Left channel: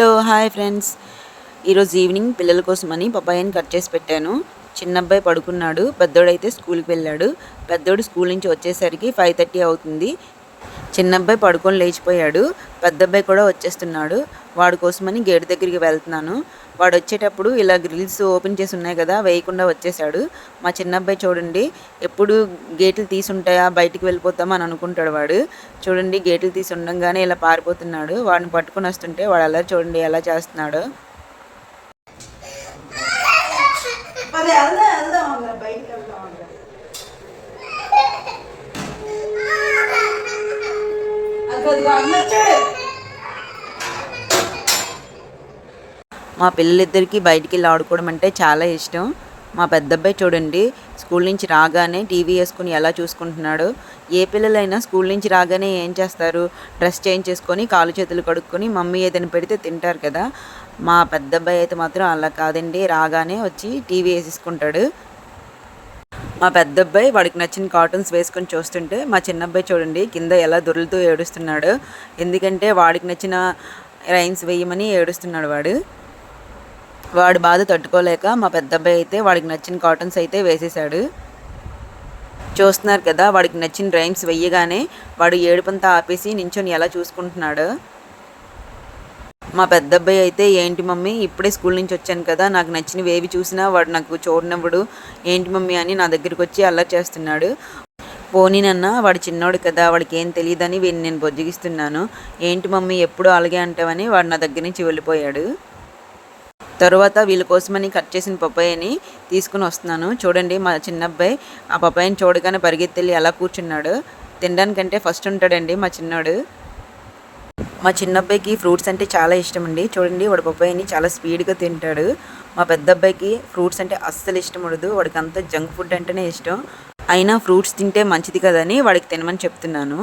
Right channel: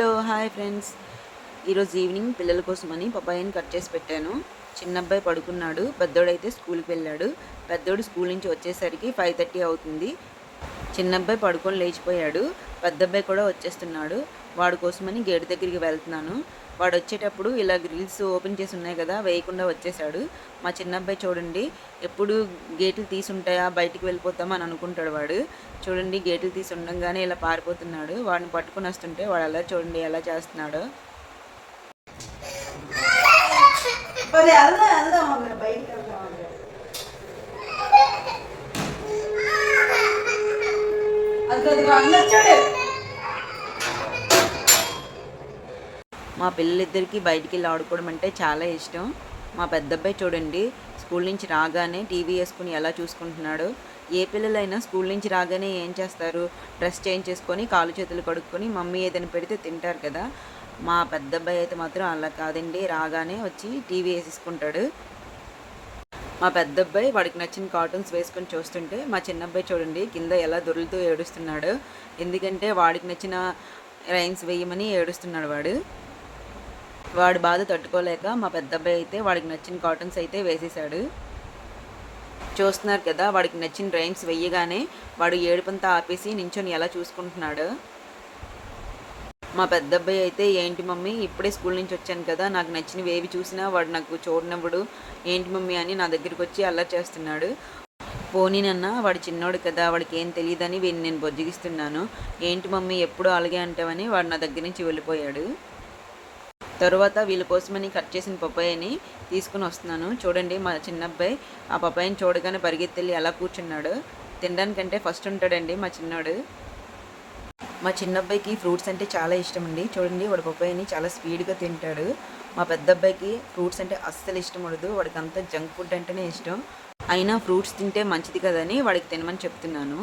Hello hi friends. ఈరోజు evening పిల్లల కోసమని పపాయాని కట్ చేసి పెట్టాను. చిన్న అబ్బాయి పడుకున్నాడు పెద్దోడైతే స్కూల్కి వెళ్ళాడు. పెద్దోడు స్కూల్ నుంచి వచ్చేసరికి ఫైవ్ థర్టీ అవుతుంది. చిన్న అబ్బాయి పడుకొని లేచిపోయాడు పెద్ద అబ్బాయి కూడా వచ్చేస్తున్నాడు. వాడి కోసమని గేట్ దగ్గరికి వెళ్తున్నాను. వాడు వచ్చేటప్పుడు ఇలా గ్రిల్స్ ఓపెన్ చేసి ఉన్నాయి కదా వేయకుండా వచ్చేసాడు మా చిన్న అబ్బాయి చూడండి ఎప్పుడు గేట్లు తీసి ఉంటాయా బయటికి వెళ్ళిపోతామా అని అనుకుంటాడు వాడు చూడండి గేట్లు తీసి ఉండంగానే ఇలా పారిపోతున్నాడు వాడిని పట్టుకొని వస్తుంటే వాడు అలా చూడండి ఎలా చేస్తున్నాడు మరి వెళ్దాం వెళ్దాం బయటికి మా పిల్లలిద్దరికీ బయటికి వెళ్ళి ఆడుకోవడం అంటే చాలా ఇష్టం. మా పెద్ద అబ్బాయి చూడండి స్కూల్ నుంచి రాగానే టీవీ వేసుకుని ఎలా చూసుకుంటున్నాడు? ఏ పిల్లలైనా స్కూల్ నుంచి రాగానే ఏం చేస్తారు? డ్రెస్ చేంజ్ చేసుకొని కాలు చేతులు కడుక్కొని మమ్మీ ఏదైనా పెడితే తింటారు కదా. మా పెద్ద అబ్బాయి అయితే మాత్రం అలా కాదండి. రాగానే వచ్చి టీవీ వేసేసుకుంటాడు. మా పెద్ద అబ్బాయి వాడికి నచ్చిన కార్టూన్స్ వేసుకొని చూస్తుంటే మా చిన్న అబ్బాయి చూడండి కింద ఎలా దొరులుతూ ఏడుస్తున్నాడు. ఎందుకంటే వాడికి నచ్చిన రైన్స్ వేయమని ఏడుస్తున్నాడు వాడు. వాడి బాధ తట్టుకోలేక మా పెద్ద అబ్బాయి అయితే వాడికి నచ్చిన కాటన్స్ అయితే వేసేసాడు చూస్తున్నారు కదా వాడికి నచ్చిన రైమ్స్ వెయ్యగానే వాడు ఏడుపంతా ఆపేసి నించొని ఎలా చూసుకుంటున్నాడు? మా పెద్ద అబ్బాయి అయితే ఏంటి మమ్మీ ఇప్పుడే స్కూల్ నుంచి వచ్చాను కదా నాకు నచ్చినవి ఏవి చూసినా వాడు నాకు చూడనివ్వడు. ఏంటి మమ్మీ అని నా దగ్గరికి వచ్చి అల్లరి చేస్తున్నాడు. పోనీనన్న వాడు చిన్నోడు కదా వాడికి ఏం తెలియదని వీడిని నేను బొజ్జగిస్తున్నాను. ఏంటి మమ్మీ ఎప్పుడు అలాగే అంటావని వాడు నా దగ్గర నుంచి వెళ్ళిపోయాడు. తర్వాత వీళ్ళ కోసమని కట్ చేసిన పప్పాయని తీసుకుని వస్తున్నాను. చూడండి మా చిన్న అబ్బాయి ఆ పప్పాయని చూడగానే పరిగెత్తెళ్ళి ఎలా కూర్చున్నాడు. తినడానికంటే ఫస్ట్ ఉంటాడండి మా చిన్నోడు. మా చిన్న అబ్బాయికి ఫ్రూట్స్ అంటే చాలా ఇష్టం అండి. చూడండి వాడు పప్పాయిని చాలా స్పీడ్గా తింటాడు. మా పెద్ద అబ్బాయికి ఫ్రూట్స్ అంటే అస్సలు ఇష్టం ఉండదు. వాడికి అంతా జంక్ ఫుడ్ అంటేనే ఇష్టం. అయినా ఫ్రూట్స్ తింటే మంచిది కదని వాడికి తినమని చెప్తున్నాను.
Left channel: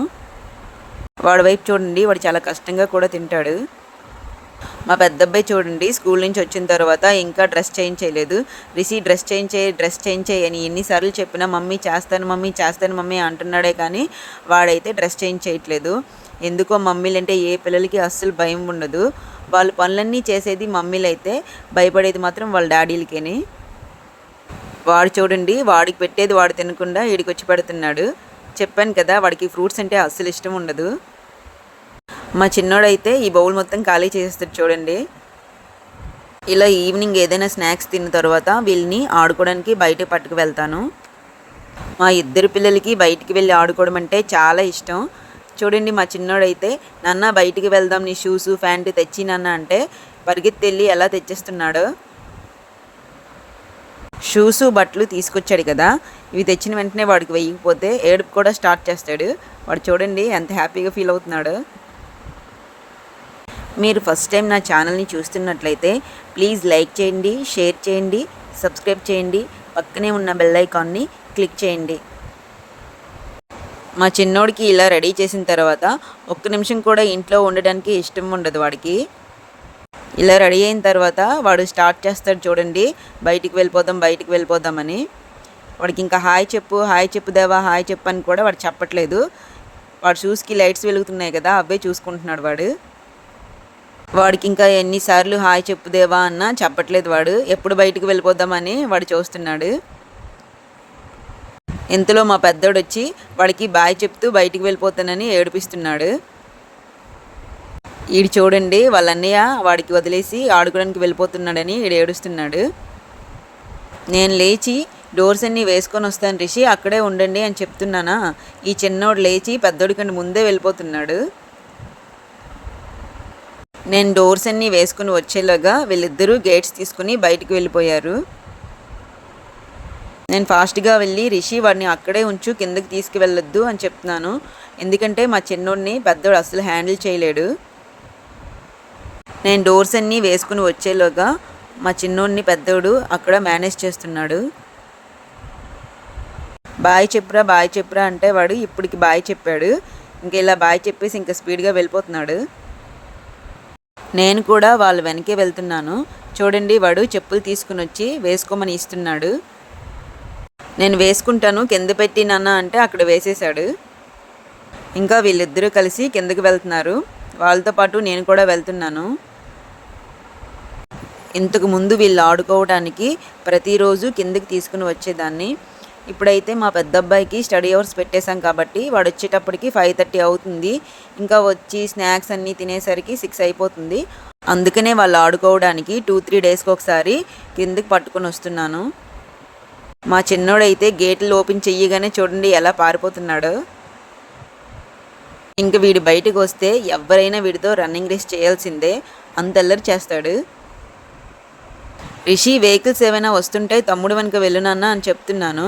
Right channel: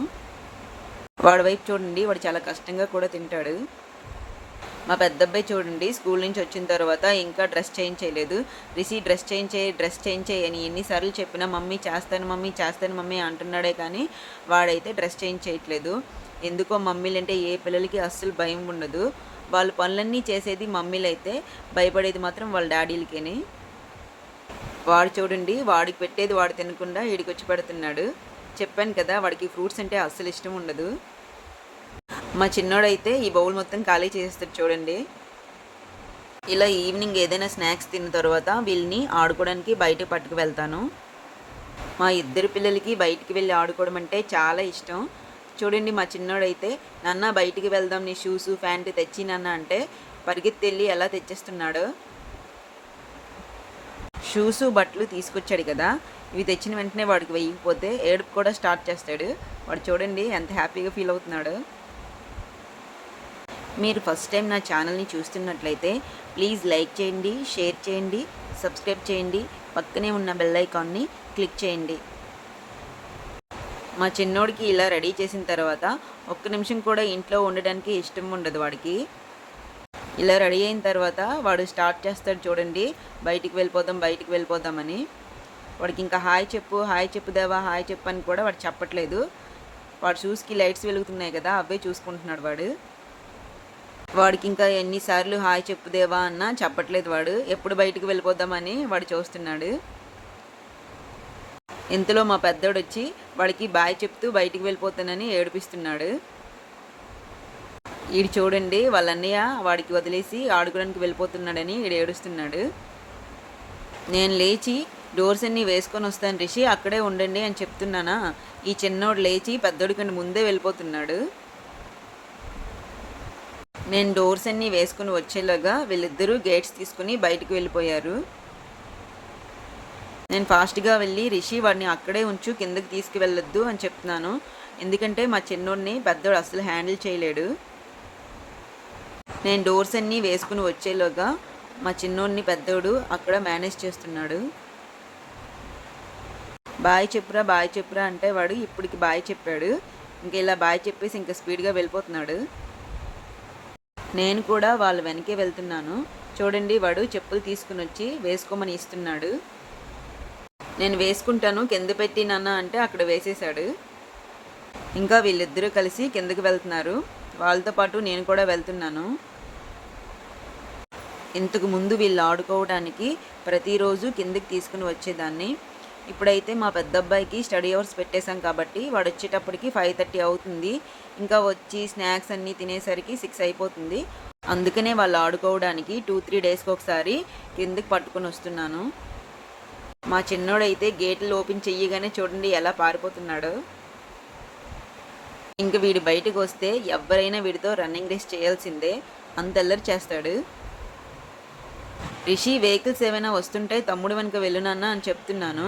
వాడి వైపు చూడండి వాడు చాలా కష్టంగా కూడా తింటాడు. మా పెద్ద అబ్బాయి చూడండి స్కూల్ నుంచి వచ్చిన తర్వాత ఇంకా డ్రెస్ చేంజ్ చేయలేదు. డ్రెస్ చేంజ్ చేయి డ్రెస్ చేంజ్ చేయి అని ఎన్నిసార్లు చెప్పినా మమ్మీ చేస్తాను మమ్మీ చేస్తాను మమ్మీ అంటున్నాడే కానీ వాడైతే డ్రెస్ చేంజ్ చేయట్లేదు. ఎందుకో మమ్మీలు అంటే ఏ పిల్లలకి అస్సలు భయం ఉండదు. వాళ్ళ పనులన్నీ చేసేది మమ్మీలు అయితే భయపడేది మాత్రం వాళ్ళ డాడీలకేని. వాడు చూడండి వాడికి పెట్టేది వాడు తినకుండా వీడికి వచ్చి పెడుతున్నాడు. చెప్పాను కదా వాడికి ఫ్రూట్స్ అంటే అస్సలు ఇష్టం ఉండదు. మా చిన్నోడైతే ఈ బౌల్ మొత్తం ఖాళీ చేసేస్తాడు చూడండి. ఇలా ఈవినింగ్ ఏదైనా స్నాక్స్ తిన్న తర్వాత వీళ్ళని ఆడుకోవడానికి బయట పట్టుకు వెళ్తాను. మా ఇద్దరు పిల్లలకి బయటికి వెళ్ళి ఆడుకోవడం అంటే చాలా ఇష్టం. చూడండి మా చిన్నోడైతే నాన్న బయటికి వెళ్దాం నీ షూస్ ప్యాంటు తెచ్చి నాన్న అంటే పరిగెత్తి వెళ్ళి ఎలా తెచ్చేస్తున్నాడు? షూస్ బట్టలు తీసుకొచ్చాడు కదా ఇవి తెచ్చిన వెంటనే వాడికి వేయకపోతే ఏడుపు కూడా స్టార్ట్ చేస్తాడు. వాడు చూడండి ఎంత హ్యాపీగా ఫీల్ అవుతున్నాడు. మీరు ఫస్ట్ టైం నా ఛానల్ని చూస్తున్నట్లయితే ప్లీజ్ లైక్ చేయండి షేర్ చేయండి సబ్స్క్రైబ్ చేయండి పక్కనే ఉన్న బెల్ ఐకాన్ని క్లిక్ చేయండి. మా చిన్నోడికి ఇలా రెడీ చేసిన తర్వాత ఒక్క నిమిషం కూడా ఇంట్లో ఉండడానికి ఇష్టం ఉండదు వాడికి. ఇలా రెడీ అయిన తర్వాత వాడు స్టార్ట్ చేస్తాడు చూడండి బయటికి వెళ్ళిపోదాం బయటికి వెళ్ళిపోదామని వాడికి ఇంకా హాయ్ చెప్పు హాయ్ చెప్పు దేవా హాయ్ చెప్పు అని కూడా వాడు చెప్పట్లేదు. వాడు షూస్కి లైట్స్ వెలుగుతున్నాయి కదా అవే చూసుకుంటున్నాడు వాడు. వాడికి ఇంకా ఎన్నిసార్లు హాయ్ చెప్పుదేవా అన్న అన్నా చెప్పట్లేదు వాడు. ఎప్పుడు బయటికి వెళ్ళిపోద్దామని వాడు చూస్తున్నాడు. ఇంతలో మా పెద్దోడు వచ్చి వాడికి బాయ్ చెప్తూ బయటికి వెళ్ళిపోతానని ఏడిపిస్తున్నాడు. ఈడు చూడండి వాళ్ళ అన్నయ్య వాడికి వదిలేసి ఆడుకోవడానికి వెళ్ళిపోతున్నాడని ఈడు ఏడుస్తున్నాడు. నేను లేచి డోర్స్ అన్నీ వేసుకొని వస్తాను రిషి అక్కడే ఉండండి అని చెప్తున్నానా? ఈ చిన్నోడు లేచి పెద్దోడి కంటే ముందే వెళ్ళిపోతున్నాడు. నేను డోర్స్ అన్నీ వేసుకుని వచ్చేలాగా వీళ్ళిద్దరూ గేట్స్ తీసుకుని బయటికి వెళ్ళిపోయారు. నేను ఫాస్ట్గా వెళ్ళి రిషి వాడిని అక్కడే ఉంచు కిందకి తీసుకువెళ్ళొద్దు అని చెప్తున్నాను. ఎందుకంటే మా చిన్నోడిని పెద్దోడు అసలు హ్యాండిల్ చేయలేడు. నేను డోర్స్ అన్నీ వేసుకుని వచ్చేలోగా మా చిన్నోడిని పెద్దోడు అక్కడ మేనేజ్ చేస్తున్నాడు. బాయ్ చెప్పురా బాయ్ చెప్పురా అంటే వాడు ఇప్పటికి బాయ్ చెప్పాడు. ఇంకా ఇలా బాయ్ చెప్పేసి ఇంకా స్పీడ్గా వెళ్ళిపోతున్నాడు. నేను కూడా వాళ్ళ వెనకే వెళ్తున్నాను. చూడండి వాడు చెప్పులు తీసుకుని వచ్చి వేసుకోమని ఇస్తున్నాడు. నేను వేసుకుంటాను కింద పెట్టి నాన్న అంటే అక్కడ వేసేశాడు. ఇంకా వీళ్ళిద్దరూ కలిసి కిందకి వెళ్తున్నారు. వాళ్ళతో పాటు నేను కూడా వెళ్తున్నాను. ఇంతకు ముందు వీళ్ళు ఆడుకోవడానికి ప్రతిరోజు కిందకి తీసుకుని వచ్చేదాన్ని. ఇప్పుడైతే మా పెద్ద అబ్బాయికి స్టడీ అవర్స్ పెట్టేశాం కాబట్టి వాడు వచ్చేటప్పటికి ఫైవ్ థర్టీ అవుతుంది. ఇంకా వచ్చి స్నాక్స్ అన్నీ తినేసరికి సిక్స్ అయిపోతుంది. అందుకనే వాళ్ళు ఆడుకోవడానికి టూ త్రీ డేస్కి ఒకసారి కిందకి పట్టుకొని వస్తున్నాను. మా చిన్నోడైతే గేట్లు ఓపెన్ చెయ్యగానే చూడండి ఎలా పారిపోతున్నాడు. ఇంక వీడు బయటకు వస్తే ఎవరైనా వీడితో రన్నింగ్ రేస్ చేయాల్సిందే. అంతల్లరి చేస్తాడు. రిషి వెహికల్స్ ఏమైనా వస్తుంటే తమ్ముడు వెనక వెళ్ళునన్నా అని చెప్తున్నాను.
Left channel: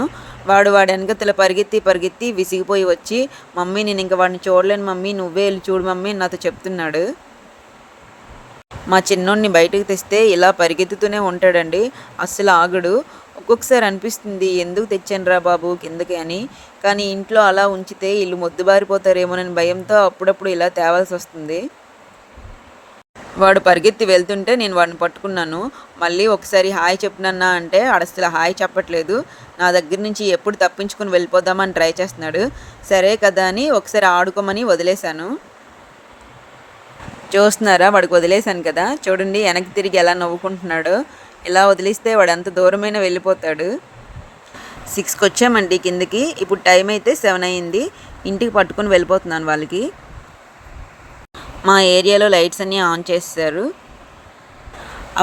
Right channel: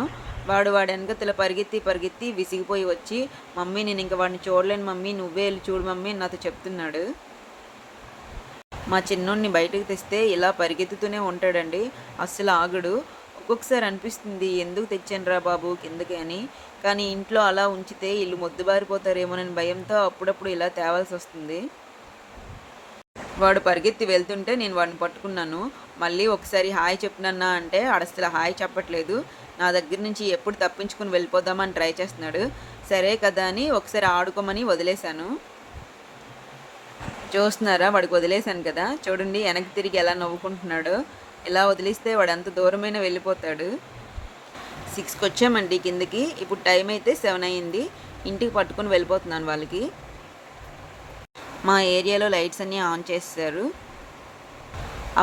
వాడు వాడి వెనకతల పరిగెత్తి పరిగెత్తి విసిగిపోయి వచ్చి మమ్మీ నేను ఇంక వాడిని చూడలేను మమ్మీ నువ్వే వెళ్ళి చూడు మమ్మీ నాతో చెప్తున్నాడు. మా చిన్నోడిని బయటకు తెస్తే ఇలా పరిగెత్తుతూనే ఉంటాడండి. అస్సలు ఆగడు. ఒక్కొక్కసారి అనిపిస్తుంది ఎందుకు తెచ్చానురా బాబు కిందకి అని. కానీ ఇంట్లో అలా ఉంచితే ఇల్లు మొద్దుబారిపోతారేమోనని భయంతో అప్పుడప్పుడు ఇలా తేవాల్సి వస్తుంది. వాడు పరిగెత్తి వెళ్తుంటే నేను వాడిని పట్టుకున్నాను. మళ్ళీ ఒకసారి హాయ్ చెప్పినన్నా అంటే అసలు హాయ్ చెప్పట్లేదు. నా దగ్గర నుంచి ఎప్పుడు తప్పించుకుని వెళ్ళిపోదామని ట్రై చేస్తున్నాడు. సరే కదా అని ఒకసారి ఆడుకోమని వదిలేశాను. చూస్తున్నారా? వాడికి వదిలేశాను కదా. చూడండి వెనక్కి తిరిగి ఎలా నవ్వుకుంటున్నాడో. ఇలా వదిలిస్తే వాడు ఎంత దూరమైనా వెళ్ళిపోతాడు. సిక్స్కి వచ్చామండి కిందకి. ఇప్పుడు టైం అయితే సెవెన్ అయింది. ఇంటికి పట్టుకుని వెళ్ళిపోతున్నాను వాళ్ళకి. మా ఏరియాలో లైట్స్ అన్నీ ఆన్ చేస్తారు.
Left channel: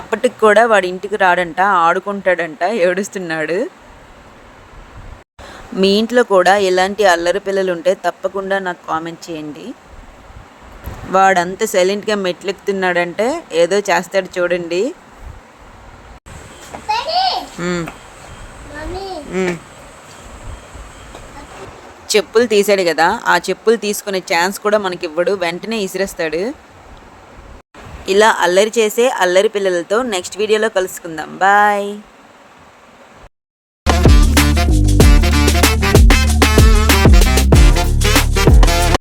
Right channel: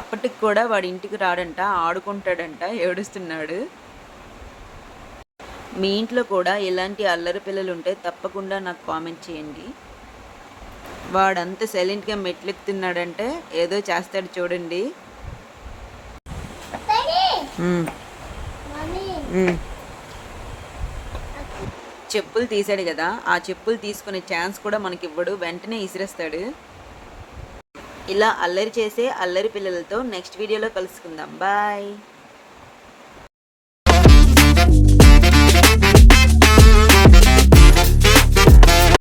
అప్పటికి కూడా వాడి ఇంటికి రాడంట ఆడుకుంటాడంట ఏడుస్తున్నాడు. మీ ఇంట్లో కూడా ఇలాంటి అల్లరి పిల్లలు ఉంటే తప్పకుండా నాకు కామెంట్ చేయండి. వాడంత సైలెంట్గా మెట్లెక్కుతున్నాడంటే ఏదో చేస్తాడు చూడండి. చెప్పులు తీసాడు కదా ఆ చెప్పులు తీసుకునే ఛాన్స్ కూడా మనకి ఇవ్వడు వెంటనే ఇసిరేస్తాడు. ఇలా అల్లరి చేసే అల్లరి పిల్లలతో నెక్స్ట్ వీడియోలో కలుసుకుందాం. బాయ్